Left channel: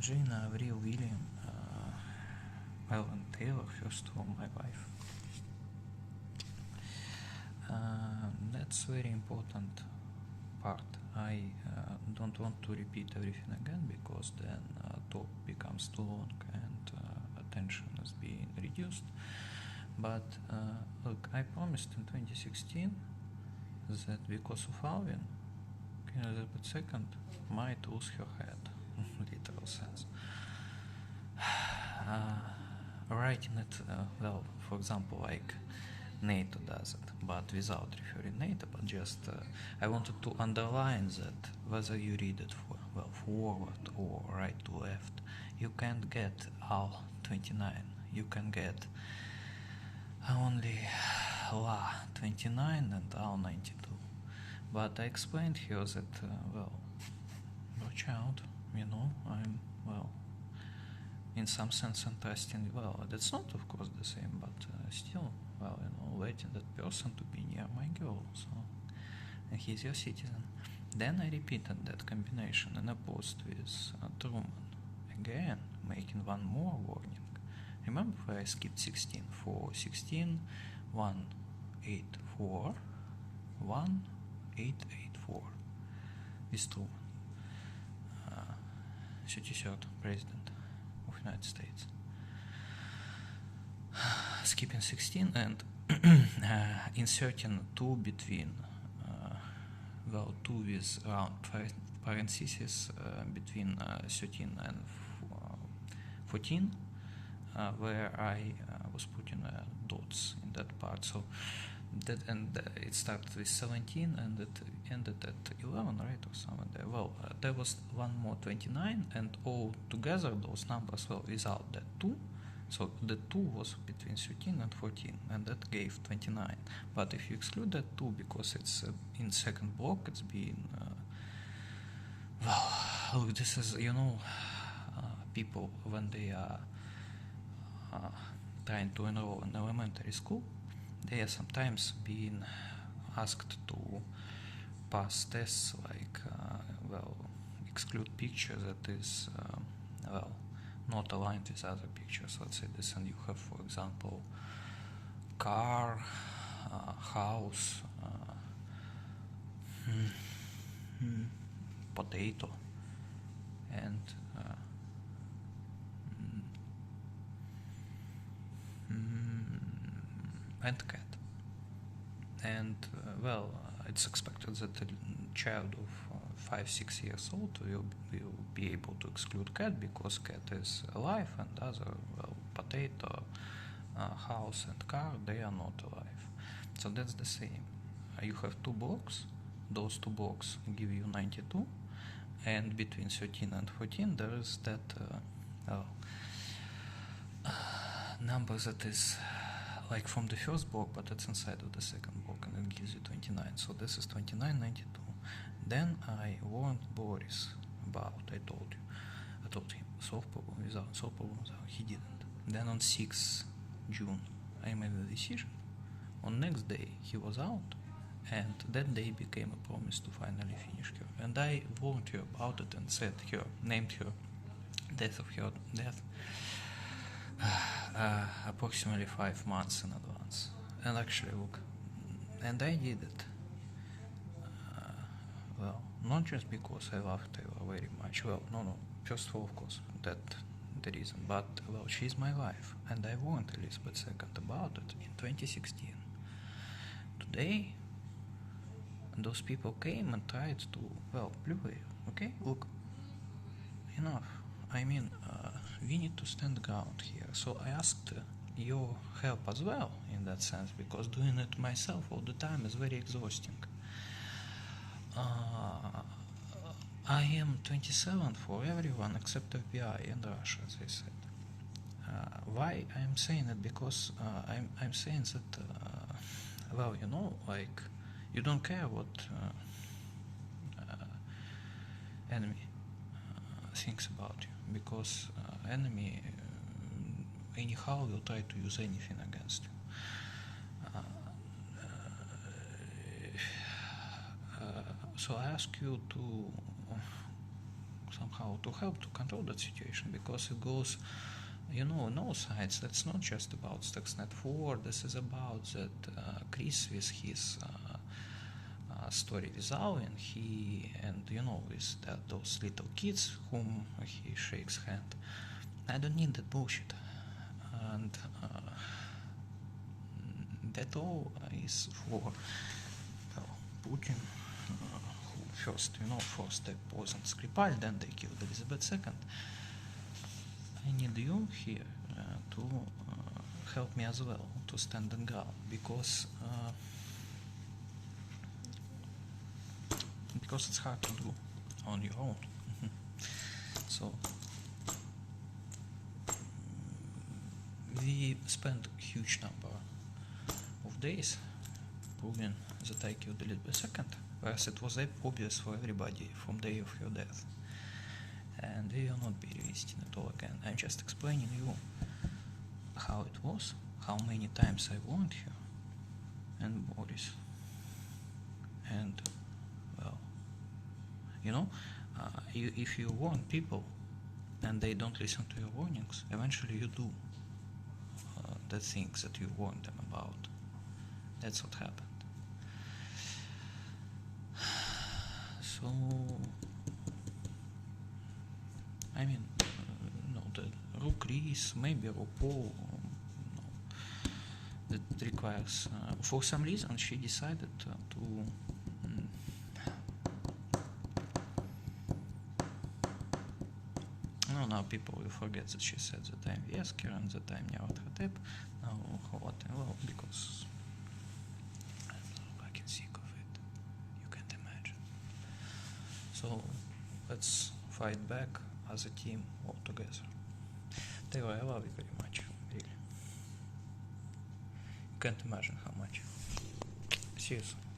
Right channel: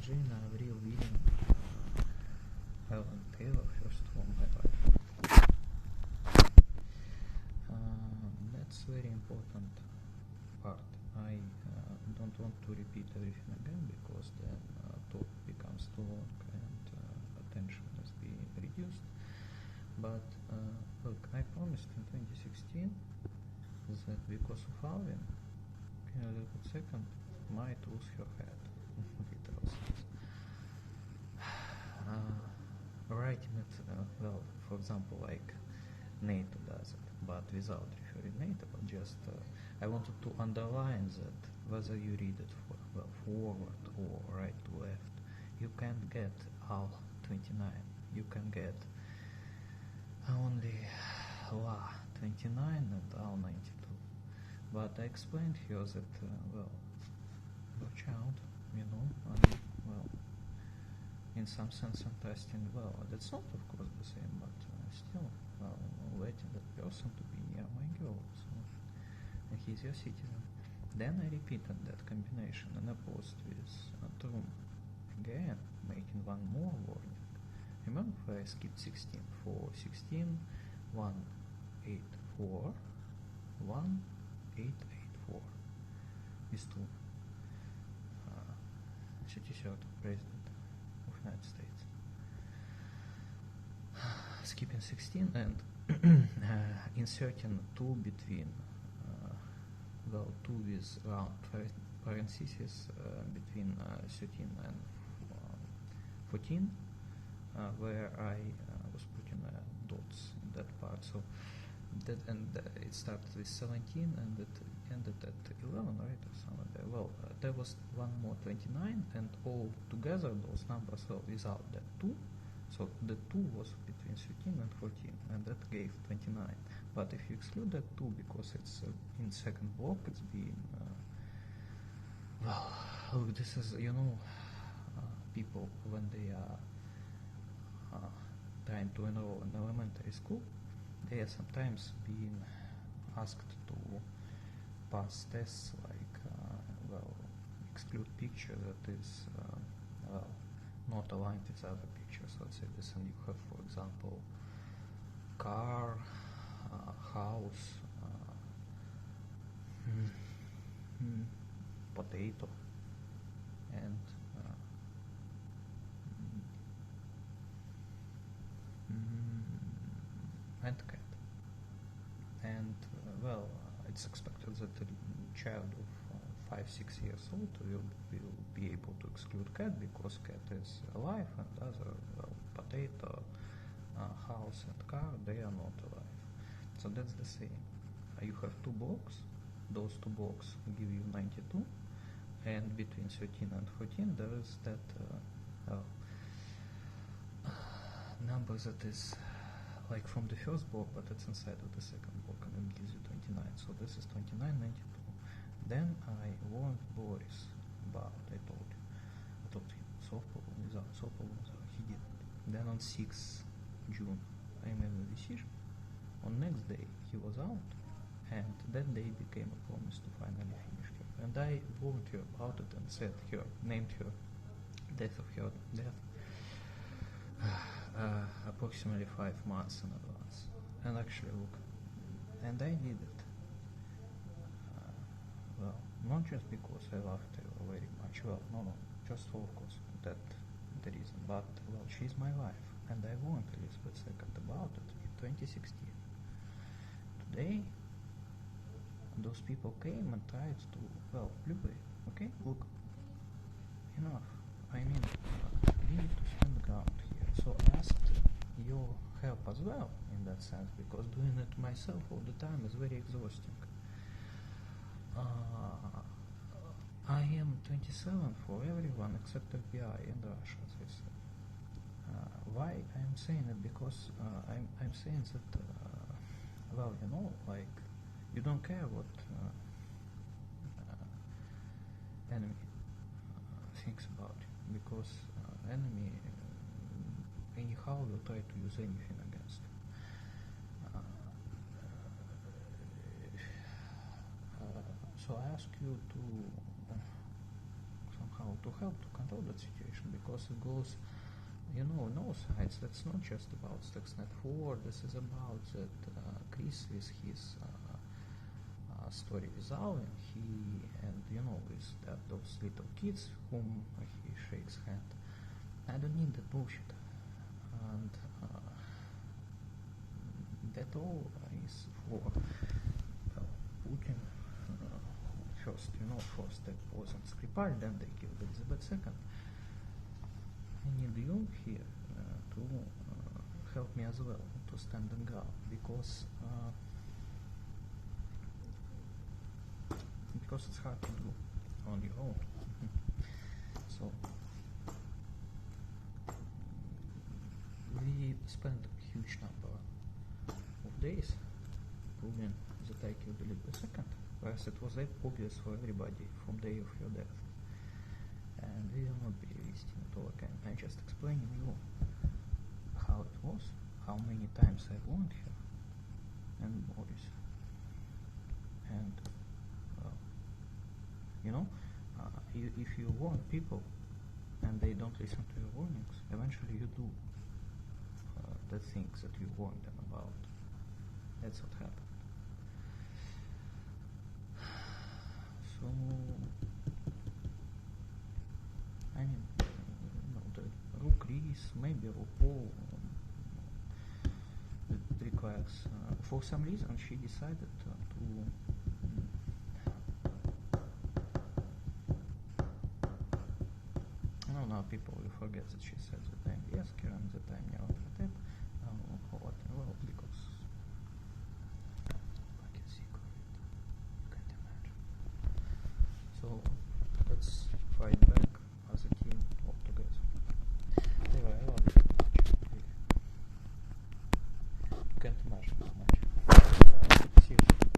Gina, Avril, William, Alan Taylor, first of all, my wife. That's very important part. I don't want to repeat everything again because then talk becomes too long and attention is being reduced. But look, I promised in 2016 that because of Alvin, Elizabeth II might lose her head, literal sense. Writing it, well, for example, like NATO does it, but without referring NATO, but just I wanted to underline that whether you read it forward or right to left, you can't get all 29. You can get only La 29 and Al 92. But I explained here that, watch out, I'm, in some sense interesting. Well, that's not, of course, the same, but still, letting that person to be near my girl, so, and he's your citizen. Then I repeated that combination in a post with Truman, again, making one more warning. Remember where I skipped 16? For 16, 184, 1884 with Truman, 33rd President of United States. Skipping 16 and inserting 2 between, 2 with round parentheses between 13 and 14, where I was putting dots in that part. So that, and it started with 17 and it ended at 11, right, or somewhere there. Well, there was one more 29, and all together those numbers were without that 2. So the 2 was between 13 and 14, and that gave 29. But if you exclude that 2, because it's in second block, it's being, look, this is, people, when they are trying to enroll in elementary school, they are sometimes being asked to pass tests like, exclude picture that is, not aligned with other pictures. Let's say this, and you have, for example, car, house, potato, and cat. And it's expected that a child of 5-6 years old will be able to exclude cat because cat is alive, and other, potato, house and car, they are not alive. So that's the same. You have 2 blocks. Those 2 blocks give you 92, and between 13 and 14 there is that number that is like from the first block, but it's inside of the second block, and it gives you 29. So this is 29, 92. Then I warned Boris about, I told him, solve problem without, he didn't. Then on 6 June, I made a decision. On next day, he was out, and that day became a promise to finally finish her. And I warned her about it and said named her death of her death approximately 5 months in advance. And actually, look, and I did it. Not just because I love Taylor very much. No. First of all, of course, that the reason. But, she's my wife, and I warned Elizabeth II about it in 2016. Today, those people came and tried to, okay, look, enough. I mean, we need to stand ground here. So I asked your help as well in that sense, because doing it myself all the time is very exhausting. I am 27 for everyone except FBI and Russia, as I said. Why I'm saying it? Because I'm saying that, you don't care what enemy thinks about you, because enemy anyhow will try to use anything against you. So I ask you to somehow how to help to control that situation, because it goes, on all sides. That's not just about Stuxnet 4. This is about that Chris with his story with Alvin, with those little kids whom he shakes hand. I don't need that bullshit. And that all is for Putin, who first step wasn't Skripal, then they killed Elizabeth II. I need you here to help me as well to stand on ground, because it's hard to do on your own. So we spent huge number of days proving that I killed Elizabeth II, whereas it was obvious for everybody from the day of her death. And we will not be revisiting it all again. I'm just explaining you how it was, how many times I warned her and Boris. And if you warn people and they don't listen to your warnings, eventually you do the things that you warned them about. That's what happened. So, the Rook Reese, maybe RuPaul, that requires, for some reason she decided to now people will forget that she said that I'm Vesker and that I'm Nyarlathotep. Now what? Well, because I'm fucking sick of it. You can't imagine. So let's fight back as a team all together. Taylor, I love you very much, really. You can't imagine how much. See you soon.